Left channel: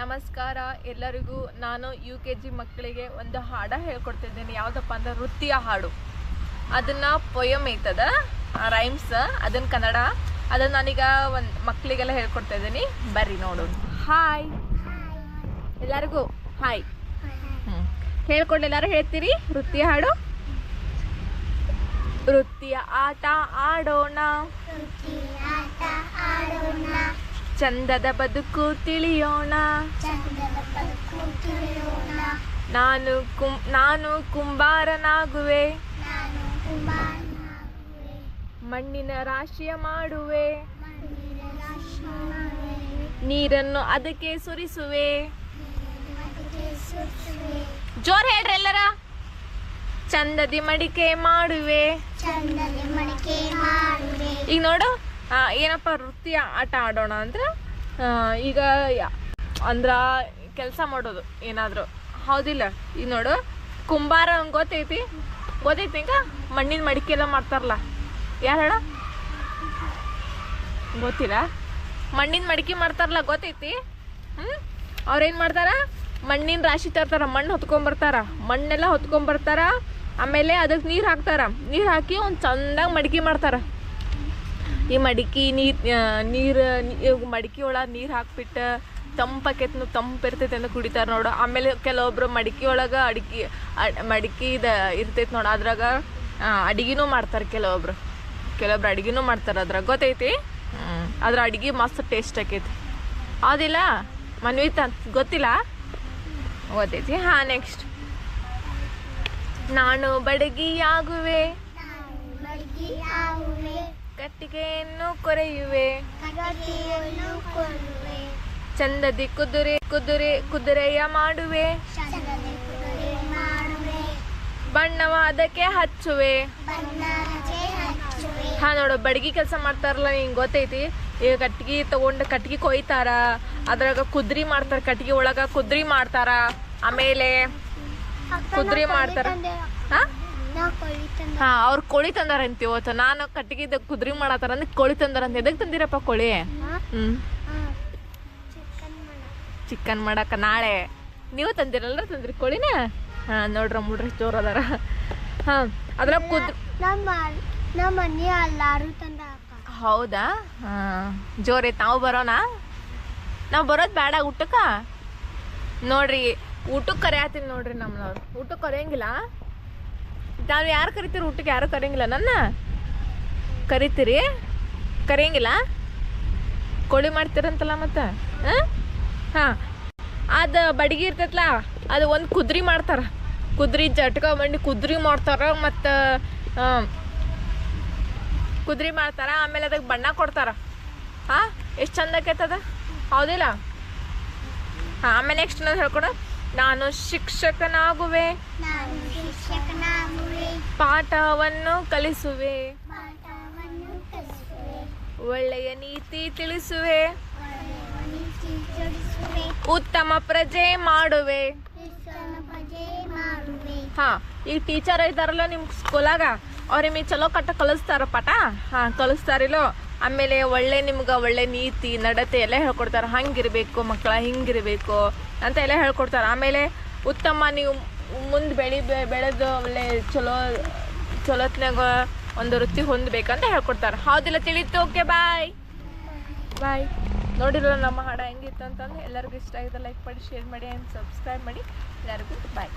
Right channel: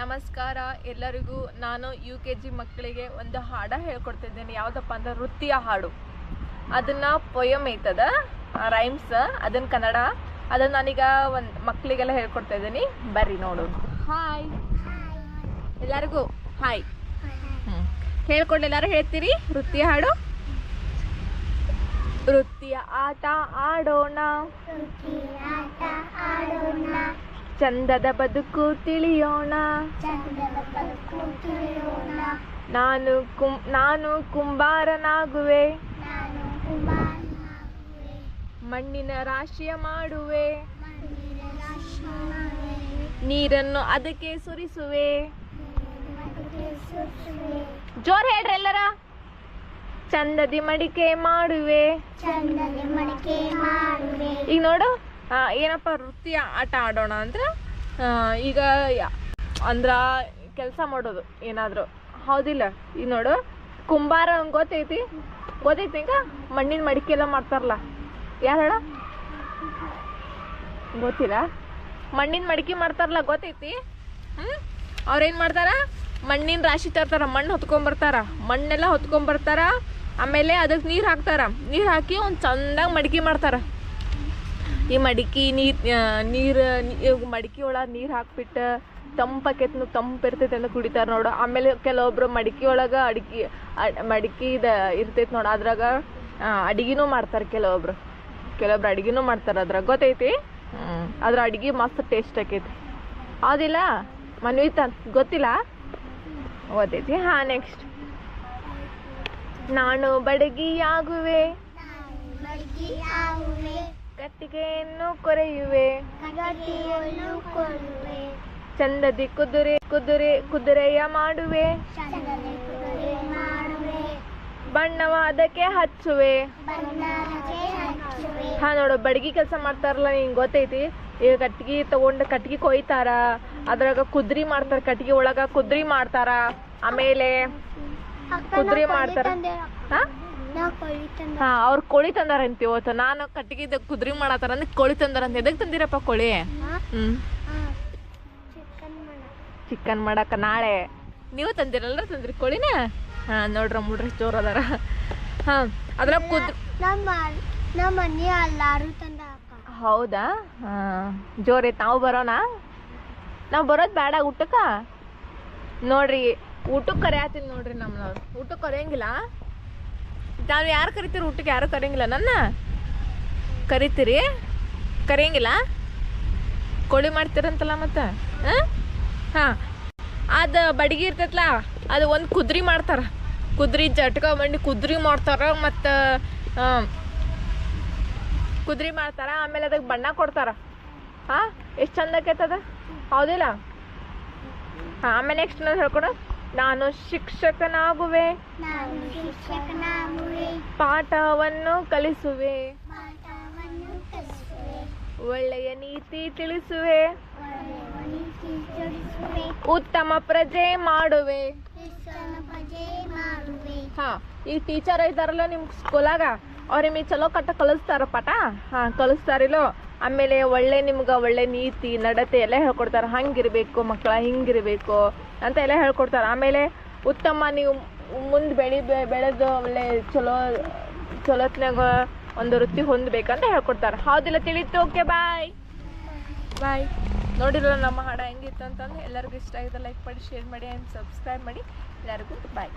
ನಮಸ್ಕಾರ ಎಲ್ಲರಿಗೂ ನಾನು ಯು ಕೆ ಜಿ ಮಕ್ಕಳಿಗೆ ಒಂದು ಹಾಡ ಹೇಳ್ಕೊಡ್ತಿದ್ದೇನೆ. ಯಾವುದಪ್ಪ ಅಂದ್ರೆ ವೃತ್ತಿಯ ಹಾಡು. ಅದನ್ನ ಪೊಯಮ್ ಐತದ ರೈಮ್ಸ್ ಅದನ್ನ ಕನ್ನಡ ಅದನ್ನ ನಾನೀಗ ಒಂದು ಮಕ್ಕಳಿಗೆಲ್ಲ ಹೇಳ್ಕೊಡ್ತಾ ಇದ್ದೀನಿ ಬರ್ರಿ ನೋಡು ಹಾಯ್ ಎಲ್ಲರಿಗೂ ಹಾಯ್ ಹ್ಞೂ ಹೇಳ್ಕೊಂಡು ಎಲ್ಲಾರು ಹೇಳ್ತೀರಿ? ವೃತ್ತಿಯ ಹಾಡು? ವೃತ್ತಿಯ ಆಟ ಆಡೋಣ. ಆಟ ಆಡೋಣ. ಚಂದದ ಬದುಕು ತಿಳಿಯೋಣ. ನಾನು ಕುಂ ನಾನು ಕುಂಬಾರನಾಗುವೆ. ಮಣ್ಣಿನ ರಾಶಿಯ ಮಾಡುವೆ. ನೀರನ್ನು ಅದಕ್ಕೆ ಸುರಿಸುವೆ. ಜೋರ್ ಹೇಳ್ರಿ ಎಲ್ಲರ. ಚಂದದಿ ಮಡಿಕೆ ಮಾಡುವೆ. ಈಗ ನೋಡು ಏನಪ್ಪ ವೃತ್ತಿ ಆಟ ಆಡೋಣ ಅಂದ್ರೆ ಈಗ ಅಂದ್ರ ಕೆಲಸ ಮಾಡೋದು ಏನಾದರೂ. ಹೌದಿಲ್ಲ. ಈ ನೋಡು, ಕುಂಬಾರ ಗೊತ್ತೈತಿ? ಗೊತ್ತೈತಿ ಹಿಂಗ ಮಣ್ಣಿನ ಮಡಿಕೆ ಎಲ್ಲ ಮಾಡ್ತಾರಲ್ಲ. ಯಾರು ಹೇಳ? ಗೊತ್ತಿಲ್ಲ. ಮಣ್ಣಿನ ಮಡಿಕೆ ಮಾಡ್ತಾರಲ್ಲ, ಗೊತ್ತೈತಿ? ಹ್ಞೂ ಅವ್ರೇನು ಮಾಡ್ತಾರ? ಮಣ್ಣಿನ ರಾಶಿ ತರ್ತಾರ, ಮಣ್ಣು ಹೊತ್ಕೊಂಬರ್ತಾರ ಮಣ್ಣೆಲ್ಲ ಹೊತ್ಕೊಂಬರ್ತಾರ ಆಮೇಲೆ ಅದಕ್ಕೆ ನೀರು ಹಾಕ್ತಾರ. ನೀರು ಹಾಕಿ ಒಂದು ಚಂದಾಗಿ ಮಡಿಕೆ ಮಾಡ್ತಾರ. ಈ ಮಡಿಕೆ ನೀರು ನೀರು ಮಡಿಕೆ ಒಳಗೆ ನೀರು ಹಾಕ್ಬಿಟ್ಟು ತಂಪಾಕೈತೆ ತಂಪು ಇರ್ತೈತೆ ಅಂತ ಕುಡಿತಾರೆ ನೋಡು. ಆಮೇಲೆ ಕೆಲವೊಬ್ರು ಮಡಿಕೆ ಒಳಗೆ ಅಡಿಕೆ ಮಡಿಕೆ ಇದು ಇರ್ತೈತೆ ನೋಡು. ಅದ್ರಾಗ ಅಡಿಗೆನೂ ಮಾಡ್ತಾರೆ ಕೆಲವೊಬ್ರು. ಕೆಲವೊಬ್ರು ಅಡಿಗೆನೂ ಮಾಡ್ತಾರೆ ಅದ್ರಾಗ. ಗೊತ್ತೈತಿ? ಅದ್ರ ಅಡಿಗೆ ಮಸ್ತ್ ಟೇಸ್ಟ್ ಆಕೈತಿ. ಹೌದಿಲ್ಲ? ಮನ್ವಿತ ಗೊತ್ತಿಲ್ಲ? ಗೊತ್ತೈತಿ. ಹಾಂ ನೆಕ್ಸ್ಟ್ ನಾನು ಬಡಗಿಯಾಗುವೆ. ಮಡಿಕೆ ಆಗುವೆ ಕಟ್ಟಿಗೆಯನ್ನು ಕೊರೆಯುವೆ. ಚಂದದಿ ಕುದುರೆ ಕುದುರೆ ಕುದುರೆಯ ಮಾಡುವೆ. ಬಣ್ಣವಾದಕ್ಕೆ ಹಚ್ಚುವೆ. ಹಾ ನೋಡು ಬಡಗಿ ಕೆಲಸ ಮಾಡ್ತಾರಲ್ಲ ನಿಂಗೆ ಗೊತ್ತೈತಿ? ಈಗ ಕಟ್ಗಿ ತಗೊಂಡು ಕಟ್ಗಿ ಕೊಯ್ತಾರ. ಅದ್ರಾಗ ಕುದ್ರಿ ಮಾಡ್ತಾರ ಕಟ್ಗಿ ಒಳಗ ಕುದ್ರಿ ಮಾಡ್ತಾರ. ಆಮೇಲೆ ಕುದ್ರಿ ಮಾಡ್ತಾರ. ಹಾ? ಅವ್ರ ಕೊಳಿ ತಂದಾರ ಇವತ್ತು ನಾನು ಕಟ್ಟಿಗೆ ಕುದ್ರಿ ಮಾಡತ್ತಾರ ಅಂದ್ರೆ ಕೋಳಿ ತಂದಾರಂತ ಎದಕ್ ತಂದಿರಪ್ಪ ಕೋಳಿ? ಹ್ಮ್. ಚಿಕನ್ ಮಾಡಕ್ಕೆ ನಾಳೆ. ನೀವು ತಂದಿರಲ್ಲ ತಂದ್ರಿ ಕೋಳಿನ ಹಾ ನೋಡ್ರ ಮುಡ್ರಿ ಜೋರು ಅದಾರ ಹಾಂ ಅದ್ರಾಗ ಕುದ್ ನಮ್ಮ ನಮ್ಮ ಮನೆ ಎಲ್ಲಾರು ತಂದ ಹೌದಾ? ಹಾಂ ಜೋರ್ ಐತ್ ನಾವು ಬರೋಣ ನಾವು ಬರೋದು ಬೇಡ ಊಟಕ್ಕ? ನೋಡ್ರಿ ಊಟಕ್ಕೆ ಕರೆಯತ್ತೀನಿ ನೋಡ್ರಿ ನಮ್ಮನವ್ರು ಊಟಕ್ಕೆ ಕರೆಯಂಗಿಲ್ಲ? ನಾವು ಯಾರು ಕರಿತೀರಿ ಊಟಕ್ಕೆ ಯಾರು ಕರೆಯಂಗಿಲ್ಲ? ನನ್ನ? ಕರಿತೀರಿ? ಕರೆಯಂಗಿಲ್ಲ? ಕೋಳಿ ಮಾಡ್ತೀರಂತಲ್ಲ ಮತ್ತೆ? ಹಾಂ? ಅದು ಬಡಿಗೆ ಇರ್ತೈತಲ್ಲ ಅದು ಒಂದು ಕುದ್ರಿ ಮಾಡ್ತಾರ. ಕುದ್ರಿ ಜಟ್ಕ ಮಂಡಿ ಕುದ್ರಿ ಮಾಡ್ತಾರ ಮತ್ತು ಕುದ್ರಿ ಮಾಡ್ತಾರ ಆಮೇಲೆ ಅದಕ್ಕೆ ಬಣ್ಣ ಕೊಡ್ತಾರ. ಹಾಂ ಎಷ್ಟು ಚಂದ ಆಕೈತದ ಹೌದಿಲ್ಲ? ಹಾಂ ಆಮೇಲೆ ನೆಕ್ಸ್ಟ್ ನಾನು ಹೇಳ್ಕೊಡು. ನಾನು ಶಿಕ್ಷಕನಾಗುವೆ. ನಾನು ಶಿಕ್ಷಕನಾಗುವೆ. ಪಾಠವನ್ನು ಕಲಿಸುವೆ. ಒಳ್ಳೆಯ ನೀತಿ ತಿಳಿಸುವೆ. ಉತ್ತಮ ಪ್ರಜೆ ಮಾಡುವೆ. ಹಾ ಈಗ ಟೀಚರ್ ಇದ್ದಾರಲ್ಲ ನಿಮ್ ಸ್ಕೂಲಾಗ ಅವ್ರು ನಿಮಗೆ ಚಲೋ ಕಟ್ಟ ಕಲಿಸ್ತಾರ ಪಾಠ? ಹಾ ಕಲಿಸ್ತಾರಿಲ್ಲೋ ಆಮೇಲೆ ಒಳ್ಳೆ ನಿಮ್ಗೆ ಒಳ್ಳೆ ನೀತಿ, ನಡತೆ ಎಲ್ಲ ಹೇಳ್ಕೊಡ್ತಾರೆ. ಹಂಗಿರ್ಬೇಕು ಮಕ್ಕಳ ಹಿಂಗಿರ್ಬೇಕು ಅಂತ ಎಲ್ಲ ಹೇಳ್ಕೊಡ್ತಾರೆ. ಆಮೇಲೆ ಉತ್ತಮ ನೀವು ಮುಂದೆ ಬೆಳಿ ಬೆಳೆದು ಒಳ್ಳೆ ಚಲೋ ಚಲೋತ್ನಾಗ ಒಂದು ವೃತ್ತಿ ಹೊಂದಬೇಕಂತ ಹೇಳ್ಕೊಡ್ತಾರೆ. ಹೌದಿಲ್ಲ ತಿಳಿತು? ಓಕೆ ಬಾಯ್ ಬಾಯ್ ನೋಡಿರಲ್ಲ ನಮ್ಮ ಹಾಡ ಹೆಂಗಿತ್ತು ಅಂತಂದ್ರೆ ಎಲ್ಲರಿಗೂ ಇಷ್ಟ ಆಗಿದೆ ಲೈಕ್ ಮಾಡಿ ಶೇರ್ ಮಾಡಿ ಆ್ಯಂಡ್ ಸಬ್ಸ್ಕ್ರೈಬ್ ಮಾಡಿ. ಎಲ್ಲರಿಗೂ ಬಾಯ್